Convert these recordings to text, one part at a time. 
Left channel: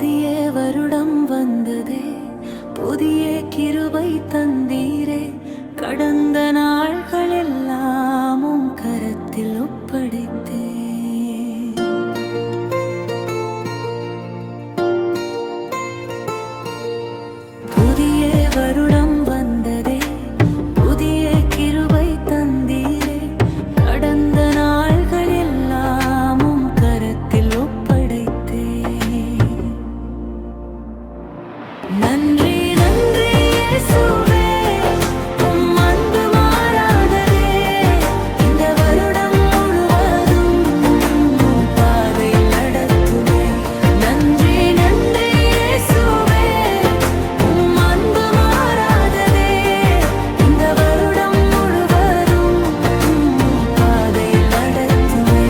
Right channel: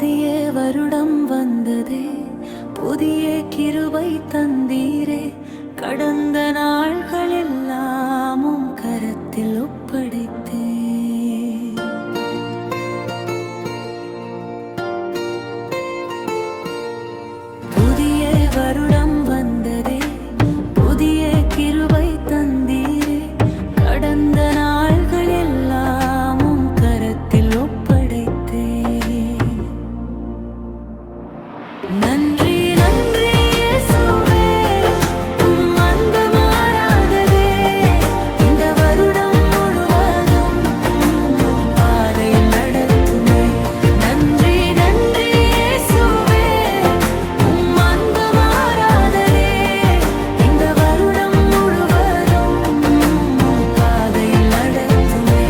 புதிய வருடம் வந்ததே, புதிய கிருபை தந்தீரே. கடந்த நாள்கள் எல்லாமும் கரத்தில் ஒப்படைத்தே. புதிய வருடம் வந்ததே, புதிய கிருபை தந்தீரே. கடந்த நாள்கள் எல்லாமும் கரத்தில் ஒப்படைத்தே. நன்றி நன்றி இயேசுவே, உம் அன்பு மாறாததே. இந்த வருடம் முழுவதும் உம் பாதையில் நடத்துமே. நன்றி நன்றி இயேசுவே, உம் அன்பு மாறாததே. இந்த வருடம் முழுவதும் உம் பாதையில் நடத்துமே.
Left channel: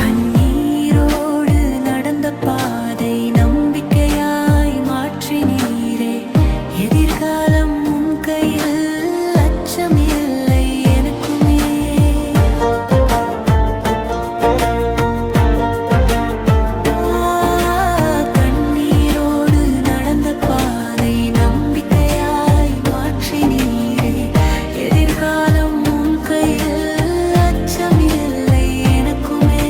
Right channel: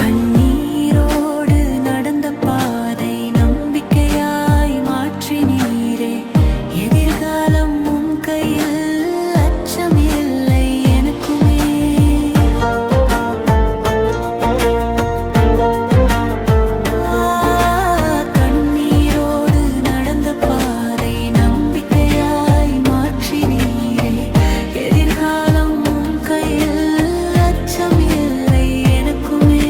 கண்ணீரோடு நடந்த பாதை நம்பிக்கையாய் மாற்றினீரே. எதிர்காலம் உன் கையில், அச்சமில்லை எனக்குமே. கண்ணீரோடு நடந்த பாதை நம்பிக்கையாய் மாற்றினீரே. எதிர்காலம் உன் கையில், அச்சமில்லை எனக்குமே.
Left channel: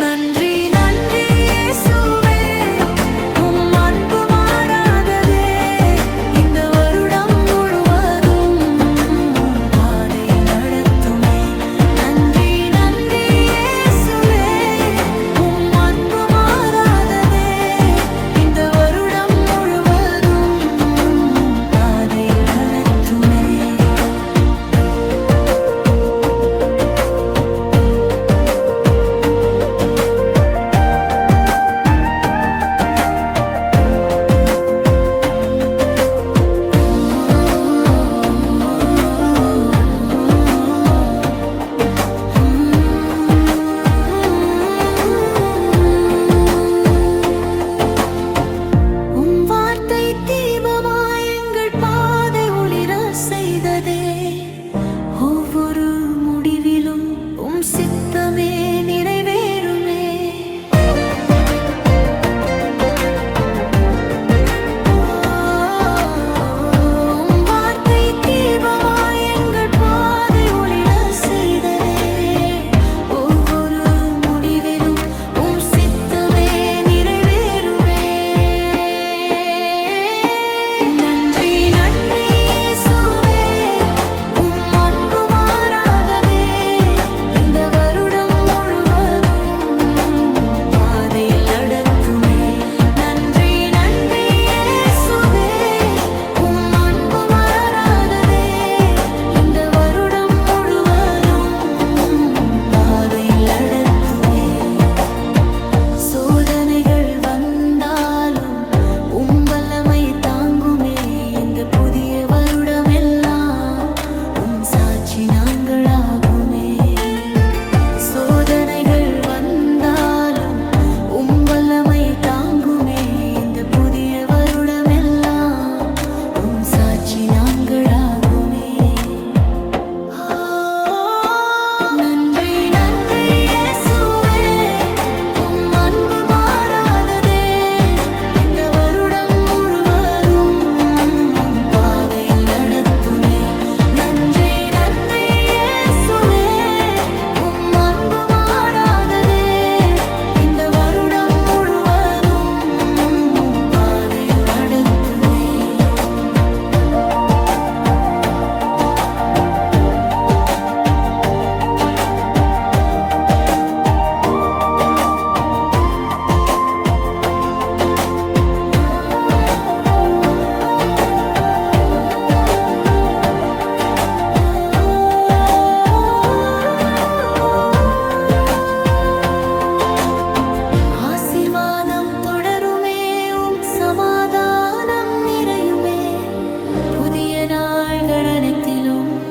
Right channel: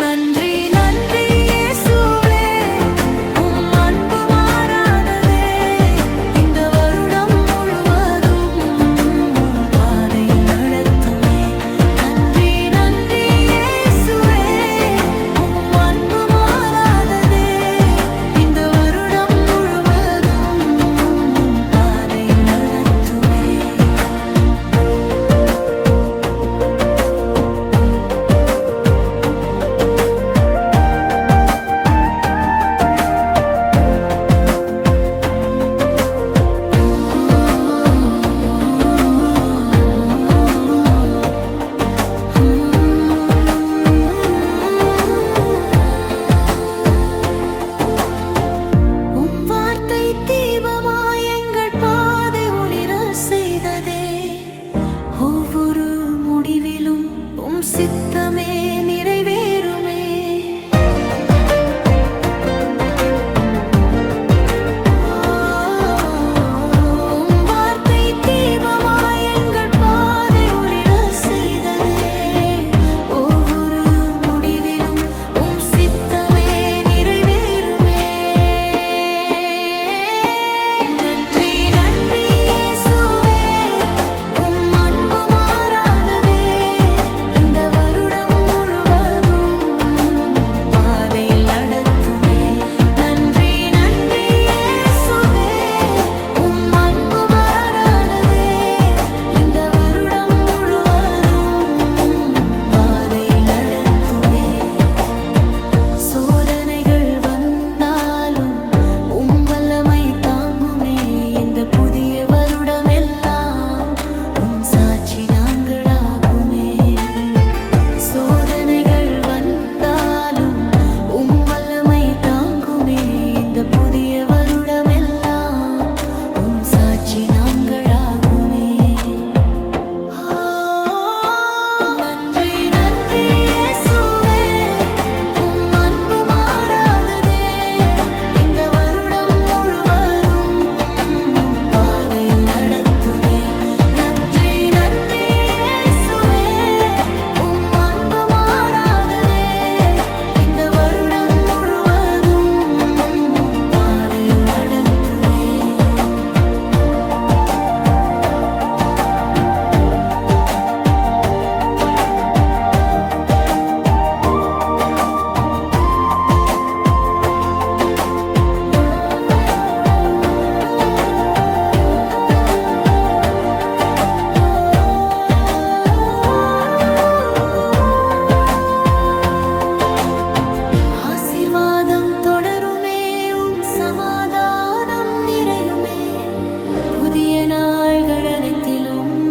நன்றி நன்றி இயேசுவே, உம் அன்பு மாறாததே. இந்த வருடம் முழுவதும் உம் பாதையில் நடத்துமே. நன்றி நன்றி இயேசுவே, உம் அன்பு மாறாததே. இந்த வருடம் முழுவதும் உம் பாதையில் நடத்துமே. உம் வார்த்தை தீபமாய் எங்கள் பாதை ஒளிர செய்ததே. ஒவ்வொரு முடிவிலும் உம் சித்தமே நிறைவேறுமே. உம் வார்த்தை தீபமாய் எங்கள் பாதை ஒளிர செய்ததே. ஒவ்வொரு முடிவிலும் உம் சித்தமே நிறைவேறுமே. நன்றி நன்றி இயேசுவே, உம் அன்பு மாறாததே. இந்த வருடம் முழுவதும் நேரத்திலும்